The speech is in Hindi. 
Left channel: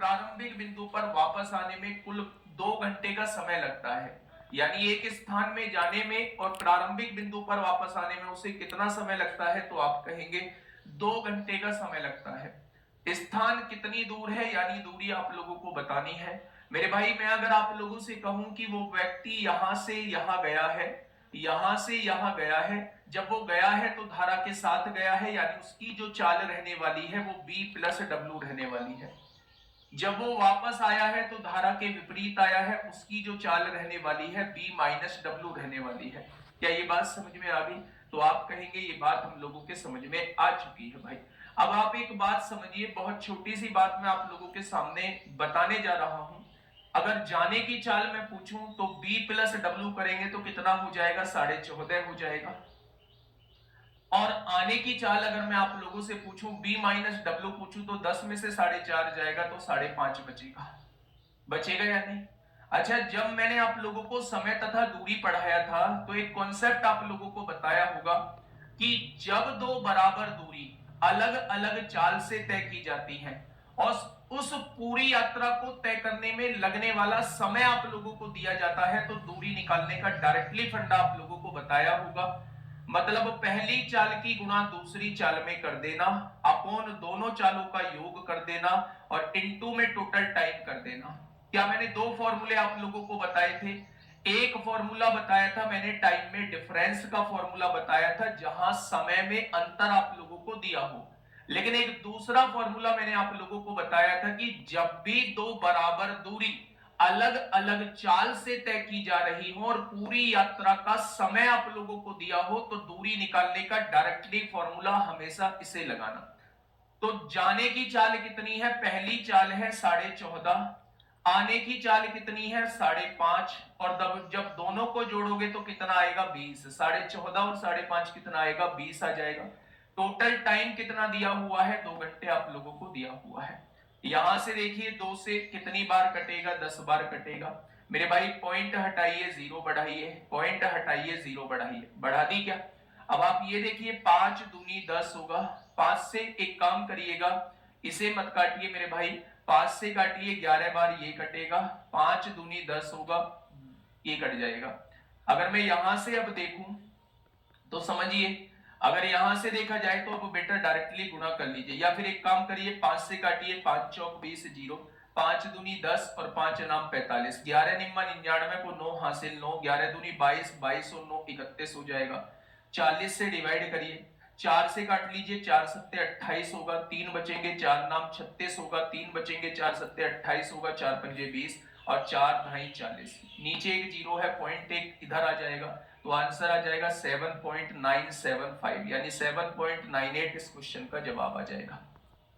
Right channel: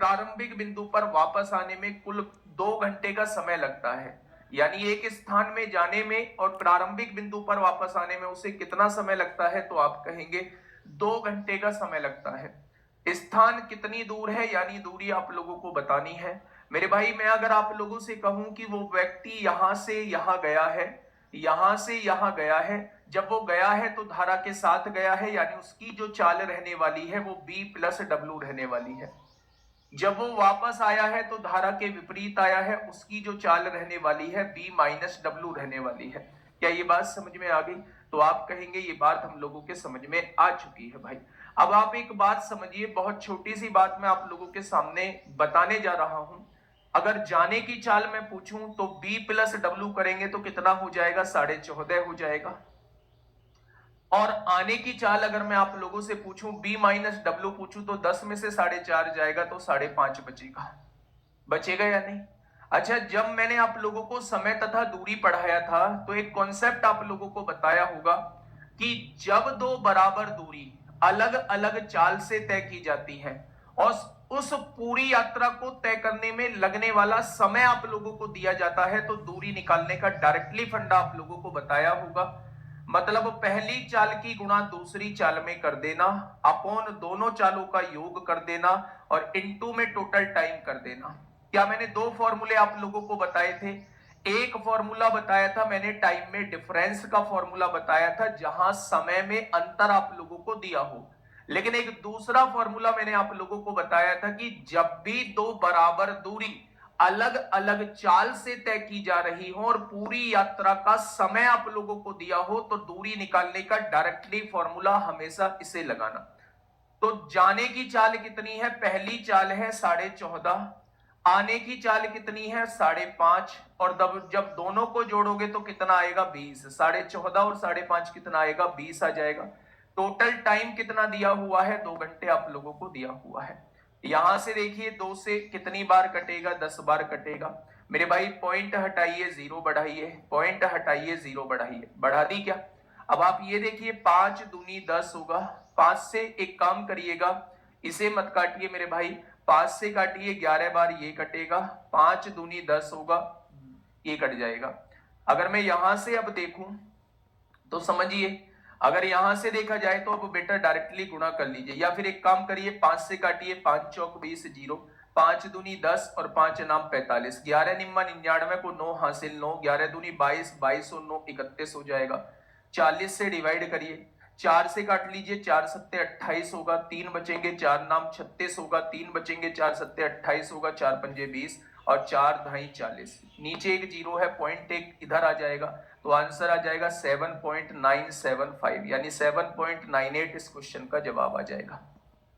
प्रारंभिक बिंदु पर वापस आने में कुल 2 घंटे का समय लगता है। यानी एक स्थान में जाने में और प्रारंभिक बिंदु पर वापस आने में उसे कितना समय लगता है, तो आप कहेंगे 2 घंटे का समय लगता है। स्थान कितनी दूर है, यानी दूरी आप लोगों को बतानी है। मेरे भाई, मैं अगर आप लोगों से कहूं कि वो व्यक्ति यहां से यहां गया है, यहां से यहां गया है, जब वो गया है तो धारा के साथ गया है, यानी उसकी जो चाल रहने वाली है वो B प्लस डब्ल्यू रहने वाली है। जब वो वापस आया है तो धारा के विपरीत आया है, उसकी जो चाल रहने वाली है B माइनस डब्ल्यू रहने वाली है। क्या ये बात समझ में आ गई? तो आप कहेंगे ये बात हम लोगों के समझ में आ चुकी है भाई। अब आप एक बात समझिए, बहुत छोटी सी बात मैं आप लोगों के सामने बताने जा रहा हूं। अगर जाने की चाल मैं पूछूं तो B प्लस डब्ल्यू करेंगे तो कितना हो जाएगा, 14.5 हो जाएगा। और आने की चाल अगर मैं आप लोगों से पूछूं, B माइनस डब्ल्यू पूछूं, तो 10 में से 4.5 जाएगा तो 5.5 बचेगा। बचेगा या नहीं? अच्छा, जब मैंने आप लोगों को समय तथा दूरी पढ़ाया था तो एक कॉन्सेप्ट आप लोगों को बताया होगा कि जब दो बराबर दूरी अलग अलग चाल से तय की जाती है और उस पूरी यात्रा को तय करने में लगने वाला समय आप लोगों को दिया जाता है, तो दूरी निकालने का डायरेक्टली फंडा आप लोगों को बताया होगा। मतलब पहली चाल की गुणा दूसरी चाल में कर देना, अपॉन दोनों चालों का योग कर देना और इनटू में टोटल टाइम कर देना। क्या मैंने दो फॉर्मूले आप लोगों को बताए थे? एक फॉर्मूला बताया था मैंने टाइम में डिफरेंस का फॉर्मूला बताया था, जहां समय में अंतर आप लोगों को दिया हो। लेकिन एक दूसरा फॉर्मूला मैंने आप लोगों को बताया था कि जब भी दो बराबर दूरी अलग अलग चाल से तय की जा रही हो और पूरी यात्रा का समय आप लोगों को दिया हो, तो दूरी निकालने का डायरेक्टली फॉर्मूला हमेशा इसे लगाना। तो जाने की चाल कितनी है? पहली चाल है 14.5, आने की चाल कितनी है? 5.5, और जब दोनों को जोड़ोगे तो कितना आएगा? 20। 14.5 और 5.5 कितना आएगा? 20 आ जाएगा। टोटल टाइम कितना दिया हुआ है? 2 घंटे आप लोगों को दिया हुआ है। यहां से देखिए 2 से कितनी बार कटेगा? 10 बार कटेगा। मेरे भाई पॉइंट हटाइए, जीरो बढ़ाइए, पॉइंट हटाइए, जीरो बढ़ाइए, बढ़ा दी क्या? अब आप ये देखिए 5 दूनी 10 होगा। 5 से एक काम करिएगा, इसे मत काटिए मेरे भाई, 5 से काटिए, 11 बार ये कटेगा, 5 दूनी 10 होगा, ये कट जाएगा। अगर मैं यहां से अब देखूं तो समझिए, अगर यहां से देखा जाए तो अब बेटा डायरेक्टली गुणा कर लीजिए, या फिर एक काम करिए 5 से काटिए, 5 चौक 20, जीरो, 5 दूनी 10 और 5 नाम 45, 11 निम्मा 99 को 9 हासिल 9, 11 दूनी 22, 22 और 9 31 हो जाएगा। 40 से डिवाइड करिए, 4 से काट लीजिए, 4 सत्ते 28 होगा, 3 बचेंगे, 4 नाम 36 होगा, 3 बचेंगे, 4 सत्ते 28 होगा, 4 पंजे 20 और 4 ढाई 40। नीचे एक जीरो है, पॉइंट एक इधर आ जाएगा, तो आंसर आ जाएगा 7.975, यानी 7.98 इस क्वेश्चन का जवाब आ जाएगा।